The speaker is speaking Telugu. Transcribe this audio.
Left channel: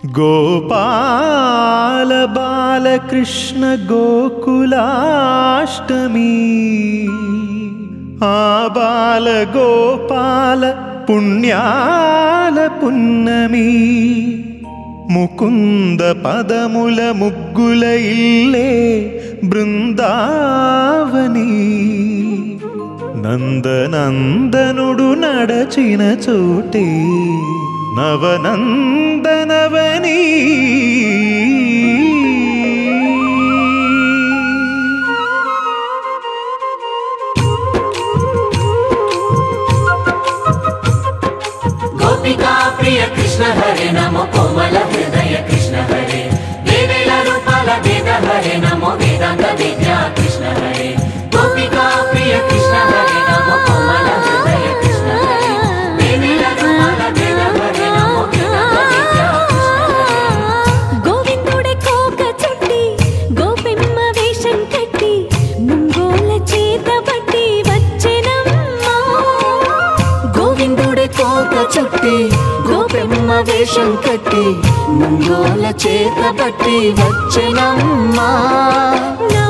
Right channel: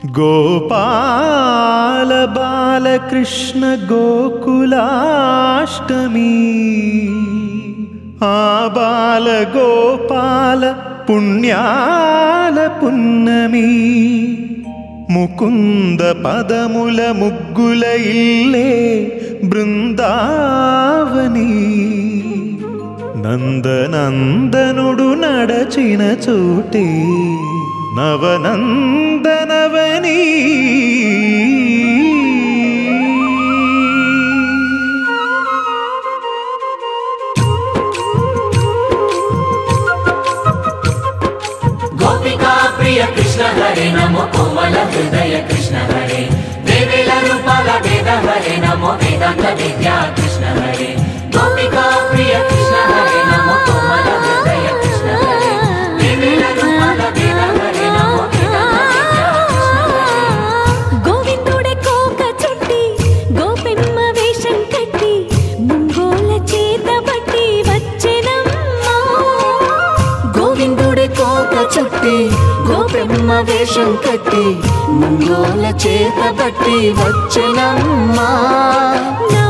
గోపాల బాలకృష్ణ గోకులాష్టమి ఆ బాల గోపాల పుణ్యాల పున్నమి ముకుంద పదముల ముగ్గుల ఇల్లే బృందావని నందనందనుడు నడచిన చోటే నవనందనవని గోపికా ప్రియ కృష్ణ హరే నమో కోవల హృదయ కృష్ణ హరే దేవేల రూపాల వేద హరే నమో వేదాంత విద్యా కృష్ణ హరే గోపికా ప్రియ కృష్ణ హరే నమో కోవల హృదయ కృష్ణ హరే దేవేల రూపాల వేద హరే నమో గోవిందుడే కోక చుట్టి గోపెమ్మ వేషం కట్టి ముంగోల చేత బట్టి వచ్చెనమ్మా గోవిందుడే కోక చుట్టి గోపెమ్మ వేషం కట్టి ముంగోల చేత బట్టి వచ్చెనమ్మా నా